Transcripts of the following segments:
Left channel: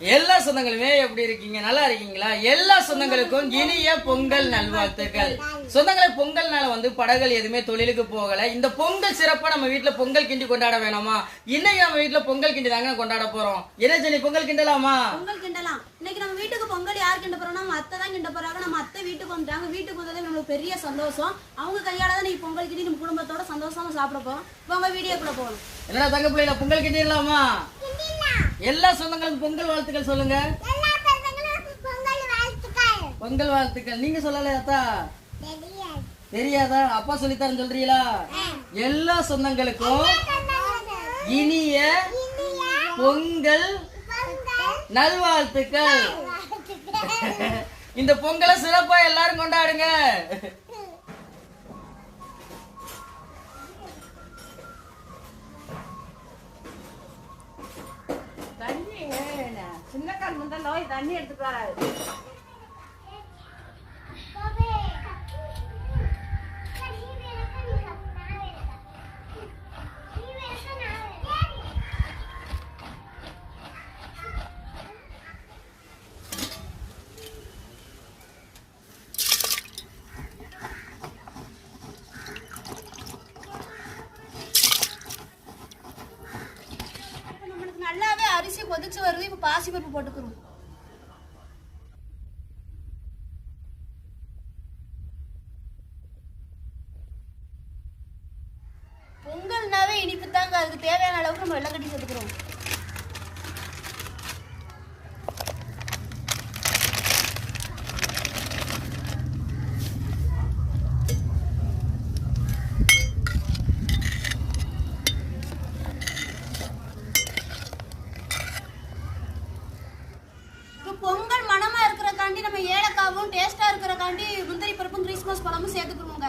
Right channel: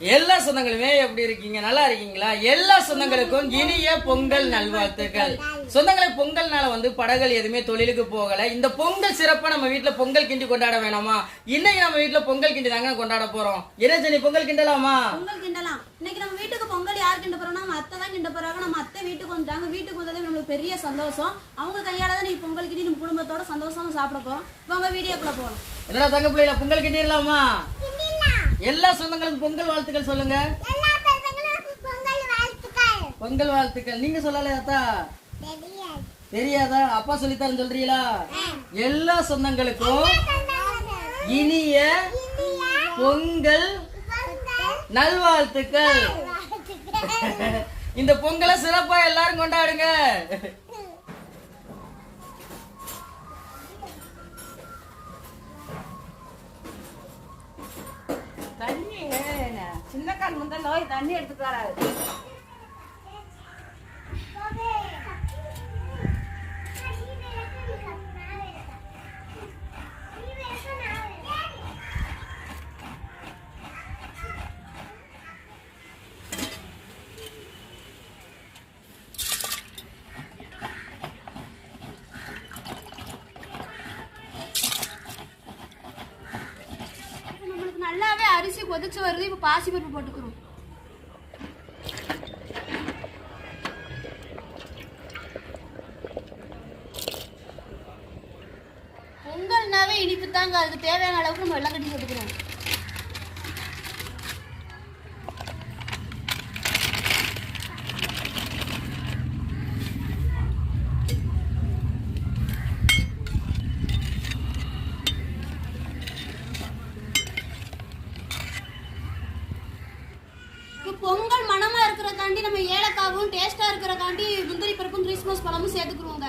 எல்லா சொந்தங்களுமே எப்படி இருக்கீங்க? நல்லா இருக்கீங்களா? எல்லா சொந்தங்களுக்கும் இனிய பொங்கல் நல்வாழ்த்துக்கள். சொந்தங்களை பொங்கல் நாள படங்கள் எதுவுமே தொழிலுக்கு போகல. இந்த பொங்கல் சிறப்பா நம்ம வீட்டுல பொங்கல் கிண்டி கொண்டாட வேணாமா? இன்னைக்கு நம்ம வீட்டுல பொங்கல் கிண்டி தாங்க கொண்டாட போறோம். என்ன ஜெனி, பொங்கல் கிண்டலாமா? பொங்கல் கிண்டலாம். இன்னைக்கு நம்ம வீட்டுக்கு பொங்கல் யார் கிண்ட போறோம்னா நம்ம அத்தை தான் கிண்ட போறாங்க. நம்ம அத்தை வீட்டுக்கு வந்துட்டாங்க. வீட்டுக்கு வந்ததே நம்மளுக்கு பெரிய சந்தோஷம். அவங்க கையால தான் நீ பொங்கல் கிண்டி நம்ம குடும்பத்தோட சந்தோஷமா சாப்பிட போறோம். உங்க வீடியோக்குள்ள போகணும். என்னடா தங்க பிள்ளைல பொங்கல் கிண்டிடலாமா? எல்லா சொந்தங்களுக்கும் பொங்கல் வாழ்த்துக்கள் சொல்லுங்க. பொங்கல் வாழ்த்துக்கள் நீங்க சொல்லலையாத்தா? தெரியாதா? அப்பா சொல்லித்தரேன்னு சொல்றீங்களா? எல்லா சொந்தங்களுக்கும் இனிய பொங்கல் நல்வாழ்த்துக்கள். இந்த பொங்கலை சிறப்பா எல்லாரும் கொண்டாடுங்க. சின்னக்கால் முந்த நோய் தண்ணி எடுத்துட்டு வராது. நல்லாவே அரிசி கொதிச்சு வருது. இப்ப பாசி பருப்பு போட்டுக்கிறோம். பொங்கல்னாவே இனிப்பு தாங்க. அதுக்கு தேவையான அளவுக்கு நம்ம வெள்ளம் கட்டி சேர்த்துக்கிறோம். பொங்கல் மனமா இருக்கிறக்காண்டி நம்ம ஏலக்காவும் டேஸ்டா இருக்கிறக்காண்டி முந்திரி பருப்பும் கிறிஸ்மஸ் பழமும் சேர்த்துக்குருவோங்க.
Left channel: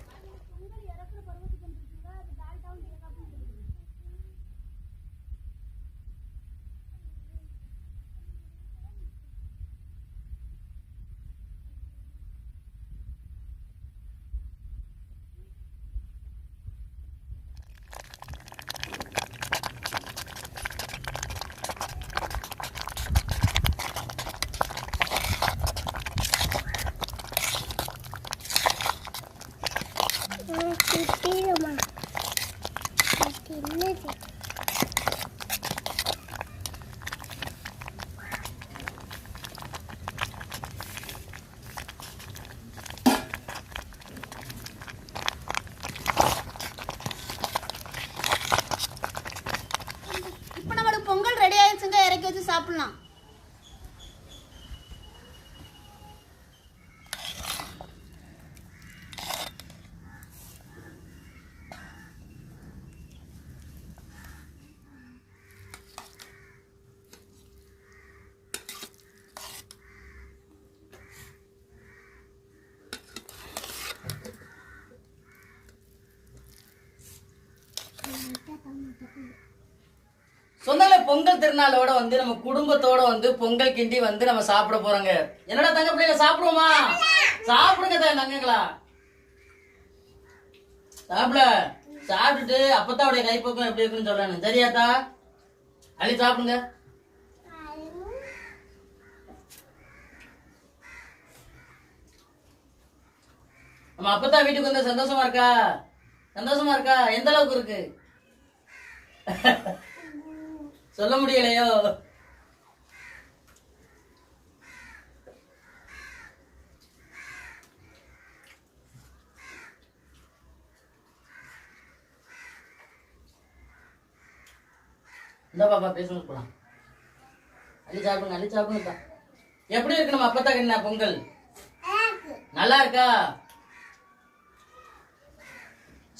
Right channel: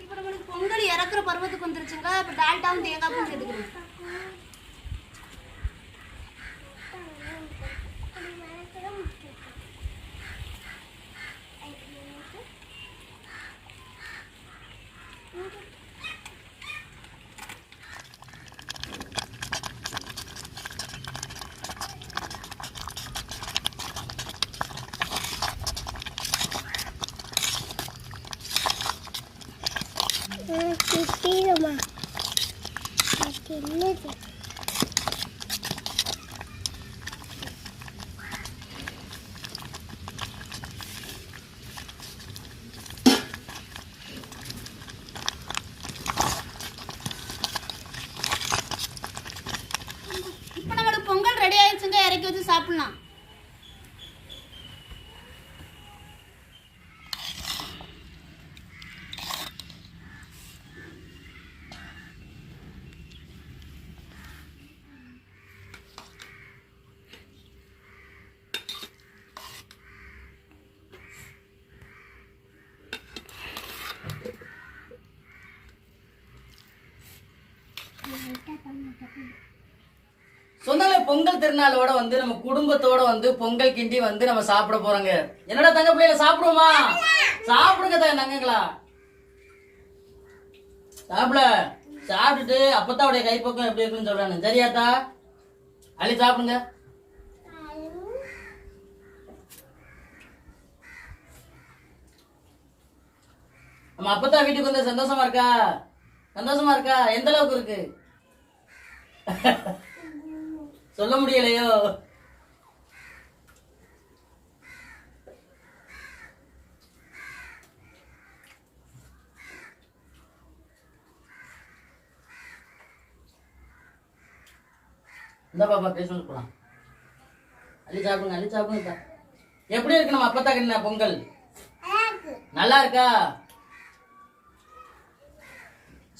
இப்போ நம்மளுக்கு பொங்கல் இறக்குற பருவத்துக்கு வந்துருச்சுங்க. இப்போ டால்டாவும் தேங்காயும் சேர்த்துக்கிறோம். இப்போ நம்மளுக்கு பொங்கல் ரெடி ஆயிடுச்சுங்க. இறக்கி வச்சு சாப்பிடலாம். சொந்தங்களே, பொங்கல் திருநாளோட நம்ம குடும்பத்தோட பொங்கல் கிண்டி நம்ம சாப்பிட போறோங்க. என்னடா தங்க பிள்ளைங்க, சாப்பிடுவோமா? சாப்பிடுங்க தங்கங்களா, சாப்பிட. சாப்பிட்டுட்டு அப்பத்தான் உடைய கைப்பக்கம் எப்படி இருக்குன்னு சொல்றானு சரியாத்தா? அள்ளி சாப்பிடுங்க. நம்ம அப்பத்தான் வீட்டுக்கு வந்து சந்தோஷமா இருக்கா? சந்தோஷமா இருக்கா? எந்த அளவுக்கு இருக்கு சொல்ல முடியலையோ? இந்த பாப்பா பேசணும் போலாம். அள்ளி சாப்பிடுங்க, அள்ளி சாப்பிடுங்க. எப்படி இருக்கு நம்ம அப்பத்தா கிண்ணா பொங்கல்? நல்லா இருக்கா?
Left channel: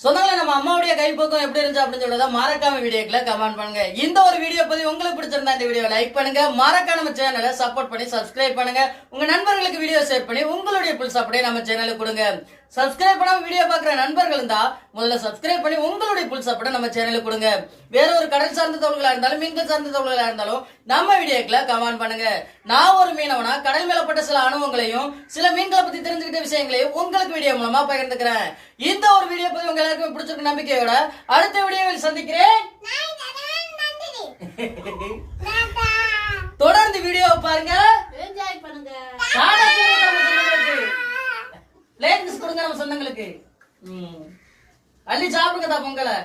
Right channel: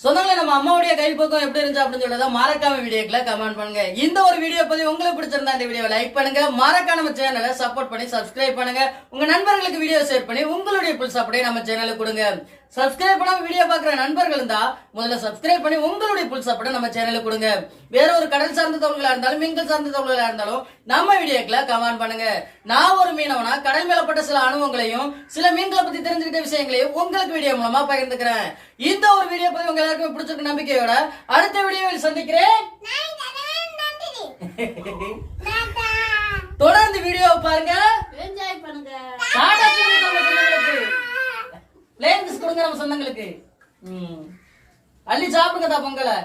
சொந்தங்களே, நம்ம அம்மாவுடைய கைப்பக்கம் எப்படி இருந்துச்சு அப்படின்னு சொல்லி மறக்காம வீடியோக்குள்ள கமெண்ட் பண்ணுங்க. இந்த ஒரு வீடியோ பத்தி உங்களுக்கு பிடிச்சிருந்தா இந்த வீடியோ லைக் பண்ணுங்க. மறக்காம நம்ம சேனலை சப்போர்ட் பண்ணி சப்ஸ்கிரைப் பண்ணுங்க. உங்க நண்பர்களுக்கு வீடியோ ஷேர் பண்ணி உங்களுடைய புல் சப்போர்ட்டை நம்ம சேனலுக்கு கொடுங்க. சப்ஸ்கிரைப் பண்ணாம வீடியோ பாக்குற நண்பர்கள் இருந்தா முதல்ல சப்ஸ்கிரைப் பண்ணி உங்களுடைய புல் சப்போர்ட்டை நம்ம சேனலுக்கு கொடுங்க. வேற ஒரு கடல் சார்ந்த தகவல்களா இருந்தாலும் மீன்கள் சார்ந்த தகவல்களா இருந்தாலும் நம்ம வீடியோக்குள்ள கமெண்ட் பண்ணுங்க. நான் ஒரு மீனவனா கடல் மேலப்பட்ட சில அனுபவங்களையும் சில மீன்களை பத்தி தெரிஞ்சுக்கிட்ட விஷயங்களையும் உங்களுக்கு வீடியோ மூலமா பகிர்ந்துக்கிறேன். இந்த ஒரு வீடியோ பத்தி உங்க எல்லாருக்கும் பிடிச்சிருக்க நம்பிக்கையோட அடுத்த வீடியோவில் சந்திக்கிறேன். தொடர்ந்து வீடியோ பாருங்க, என்ஜாய் பண்ணுங்க. பிளேன் கொடுங்க நம்ம சொந்தங்களுக்கு. அள்ளி சாப்பிடுங்க பொங்கலை.